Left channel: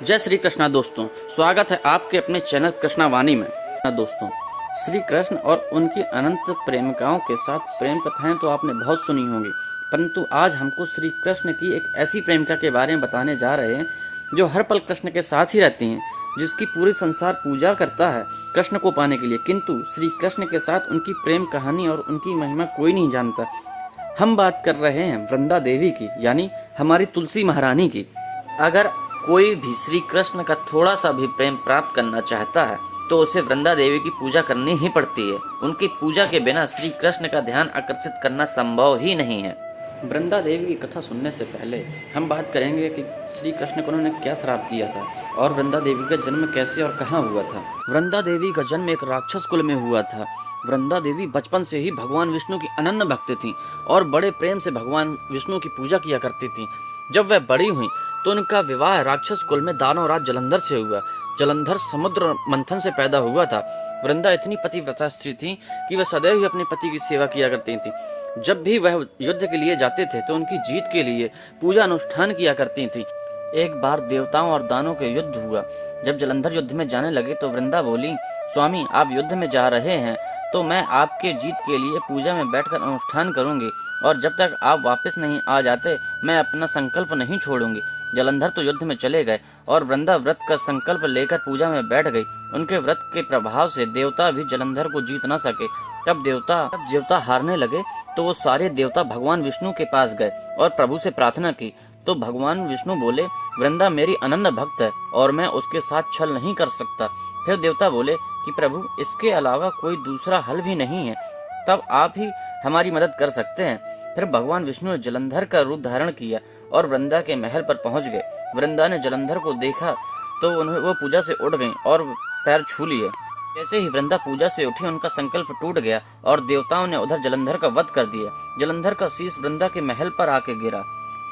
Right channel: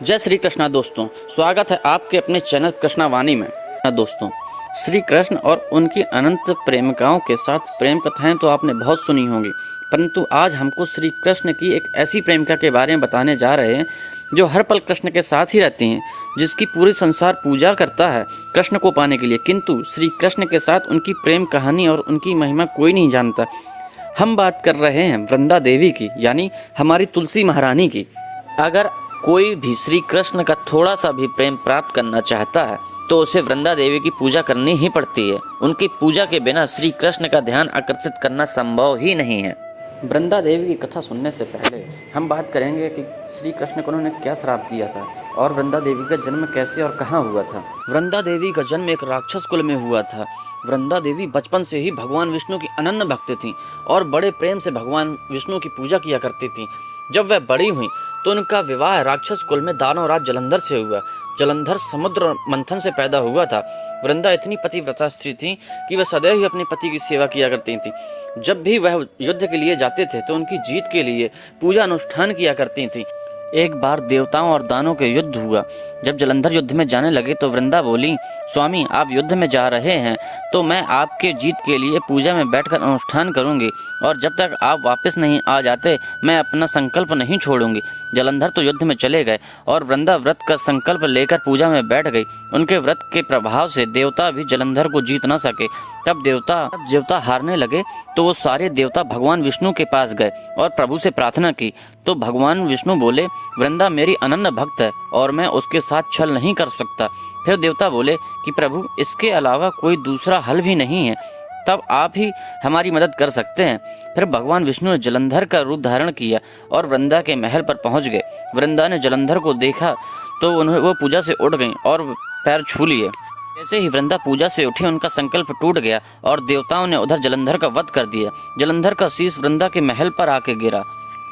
जय श्री कृष्णा दोस्तों, स्वागत है आपके अपने चैनल कृष्णा वाणी में। दोस्तों, श्री कृष्ण और उनकी अनंत प्रेमिकाओं के साथ प्रेम कथाएं तो आपने बहुत सुनी होंगी, परंतु आज हमको श्री कृष्ण की एक ऐसी प्रेमिका के बारे में बताने जा रहे हैं जो हर पल कृष्ण के साथ ही रहती हैं, जिसकी पूरी संसार पूजा करता है कृष्ण को पाने के लिए, किंतु श्री कृष्ण के साथ उनकी प्रेम कहानी और उनकी महिमा कोई नहीं जानता। हम बात कर रहे हैं वृंदा देवी की, यानी हमारी तुलसी महारानी की। अगर कोई भी श्री कृष्ण का थोड़ा सा भी प्रेम प्राप्त करना चाहता है तो उसे वृंदा देवी की पूजा करनी ही पड़ती है। उनकी पूजा के बिना श्री कृष्ण का ध्यान आकर्षित करना संभव ही नहीं है। वृंदा देवी की कथा सुनने से पहले हम बात करेंगे कि श्री कृष्ण को उन्होंने क्या श्राप दिया था और वृंदा देवी का जन्म कैसे और कहाँ हुआ था। वृंदा देवी का जन्म एक राक्षस कुल में हुआ था। वृंदा देवी बचपन से ही भगवान विष्णु की अनन्य भक्त थी और बड़े प्रेम से भगवान विष्णु की पूजा किया करती थी। जब वह बड़ी हुई तो उनका विवाह राक्षस कुल में दानवराज जलंधर से हुआ। जलंधर समुद्र मंथन से पैदा हुआ था। वृंदा इतनी पतिव्रता स्त्री थी कि वह सदैव ही अपने पति की सेवा किया करती थी। जब भी वह युद्ध के लिए जाते थे तो उनकी जीत के लिए पूजा अनुष्ठान किया करती थी। एक बार देवताओं और दानों के युद्ध हुआ। जब जलंधर युद्ध में जाने लगे तो वृंदा बोली, स्वामी आप युद्ध में जा रहे हैं तो मैं आपके जीत के लिए पूजा में बैठकर अनुष्ठान करूंगी और जब तक आप वापस नहीं आ जाते मैं अपना संकल्प नहीं छोड़ूंगी। जलंधर तो युद्ध में चले गए और वृंदा व्रत का संकल्प लेकर पूजा में बैठ गई। उनके व्रत के प्रभाव से देवता भी जलंधर को जीत न सके। तब देवता हारने लगे तो वो सारे देवता भगवान विष्णु के पास गए और प्रभु से प्रार्थना की। तो भगवान विष्णु बोले, वृंदा मेरी अनन्य भक्त है और मैं उसके साथ छल नहीं कर सकता। फिर देवता बोले कि प्रभु इसके अलावा कोई दूसरा हल भी नहीं है, तब आप ही हमारी मदद कर सकते हैं। फिर भगवान विष्णु ने जलंधर का रूप धारण किया और वृंदा के महल पर पहुंच गए। वृंदा ने जलंधर को देखा तो वो पूजा से उठ गईं और पैर छू लिए। जैसे ही वृंदा पूजा से उठी उनका संकल्प टूट गया और देवताओं ने उधर जलंधर का वध कर दिया। जलंधर का शीश वृंदा के महल पर आके गिरा।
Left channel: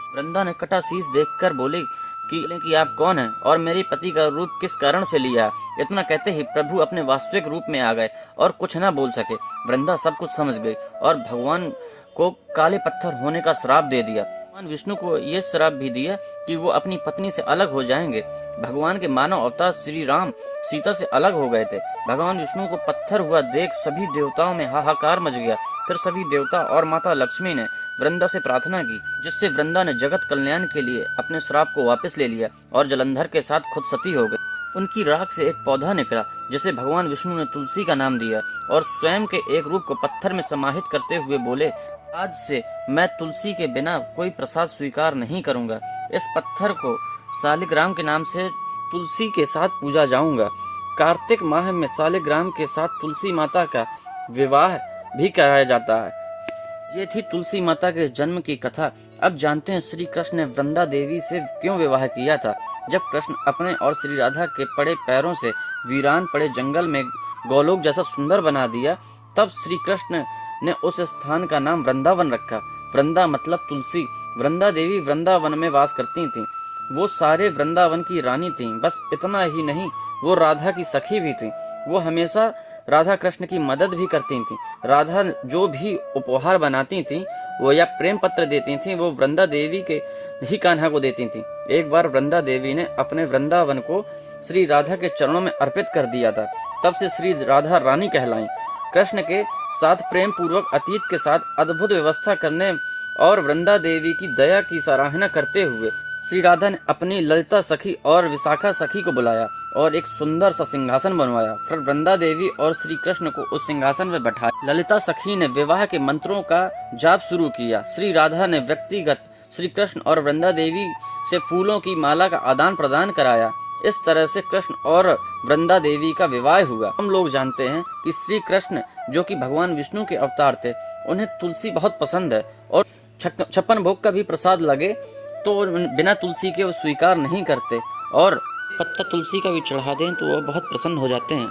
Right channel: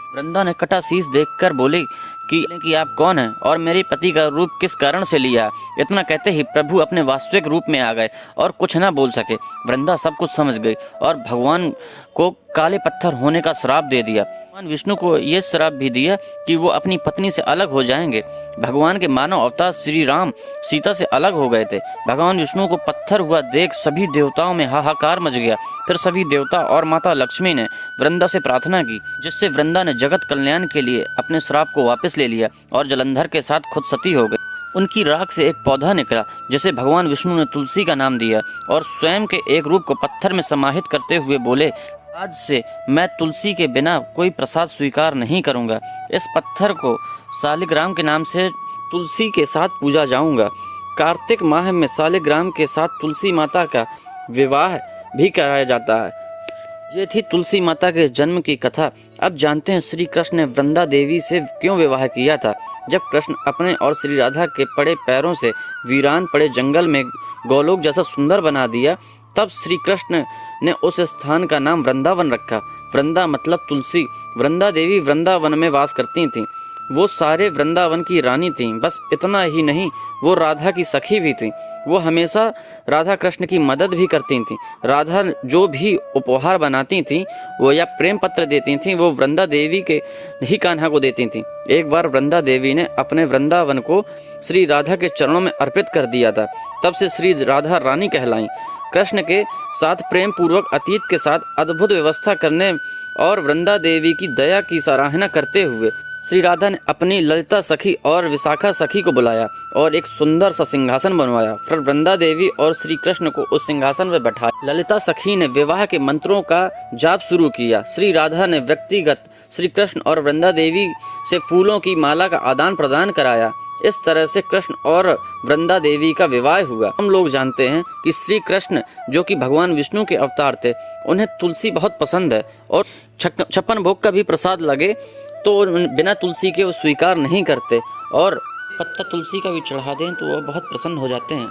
वृंदा ने कटा शीश देखकर बोली कि आप कौन हैं और मेरे पति का रूप किस कारण से लिया। इतना कहते ही प्रभु अपने वास्तविक रूप में आ गए और कुछ न बोल सके। वृंदा सब कुछ समझ गई और भगवान को काले पत्थर होने का श्राप दे दिया। भगवान विष्णु को यह श्राप भी दिया कि वो अपनी पत्नी से अलग हो जाएंगे। भगवान के मानव अवतार श्री राम सीता से अलग हो गए थे। भगवान विष्णु को पत्थर हुआ देख सभी देवताओं में हाहाकार मच गया। फिर सभी देवता और माता लक्ष्मी ने वृंदा से प्रार्थना की, जिससे वृंदा ने जगत कल्याण के लिए अपने श्राप को वापस ले लिया और जलंधर के साथ खुद सती हो गई। उनकी राख से एक पौधा निकला जिसे भगवान विष्णु ने तुलसी का नाम दिया और स्वयं के एक रूप को पत्थर में समाहित करते हुए बोले, आज से मैं तुलसी के बिना कोई प्रसाद स्वीकार नहीं करूंगा। इस पत्थर को शालिग्राम के नाम से तुलसी के साथ पूजा जाऊंगा। कार्तिक माह में शालिग्राम के साथ तुलसी माता का विवाह भी कराया जाता है। ये थी तुलसी माता के जन्म की कथा। अब जानते हैं श्री कृष्ण ने वृंदा देवी से क्यों विवाह किया था। जब कृष्ण अपने और श्री राधा के पड़े पैरों से वीरान पड़े जंगल में गोलोक जैसा सुंदर बना दिया, तब श्री कृष्ण ने उस स्थान का नाम वृंदावन रखा। वृंदा मतलब तुलसी। वृंदा देवी वृंदावन में वास करती थीं। वो सारे वृंदावन की रानी थीं। बस इतना ही नहीं, वो राधा की सखी भी थीं। वो हमेशा राधा कृष्ण की मदद भी करती थीं। राधा जो भी उपहार बनाती थीं वो या प्रेम पत्र देती थीं, वो वृंदा देवी के ही कान्हा को देती थीं। एक बार वृंदा देवी ने अपने वृंदावन को श्री राधा के चरणों में अर्पित कर दिया था। तब से श्री राधा रानी कहलाई। कृष्ण के साथ प्रेम पूर्वक अतीत के साथ अद्भुत व्यवस्था करने और वृंदा देवी की दया की सराहना करते हुए श्री राधा ने अपनी ललिता सखी और विशाखा सखी को बुलाया और एक सुंदर सा सिंहासन बनवाया। फिर वृंदा देवी और श्री कृष्ण को उस सिंहासन पर बैठाया। ललिता सखी ने विवाह के मंत्रों का जाप शुरू किया। श्री राधा ने व्यक्तिगत श्री कृष्ण और वृंदा देवी से फूलों की माला का आदान प्रदान कराया। इस तरह से कृष्ण और वृंदा देवी का विवाह हुआ। हम लोग जानते हैं कि श्री कृष्ण जो कि भगवान विष्णु के अवतार थे, उन्हें तुलसी बहुत पसंद है और 56 भोग का भी प्रसाद लगे तो बिना तुलसी के वो स्वीकार नहीं करते और पत्ता तुलसी का भी चढ़ा दें तो वो बहुत प्रसन्न हो जाते हैं।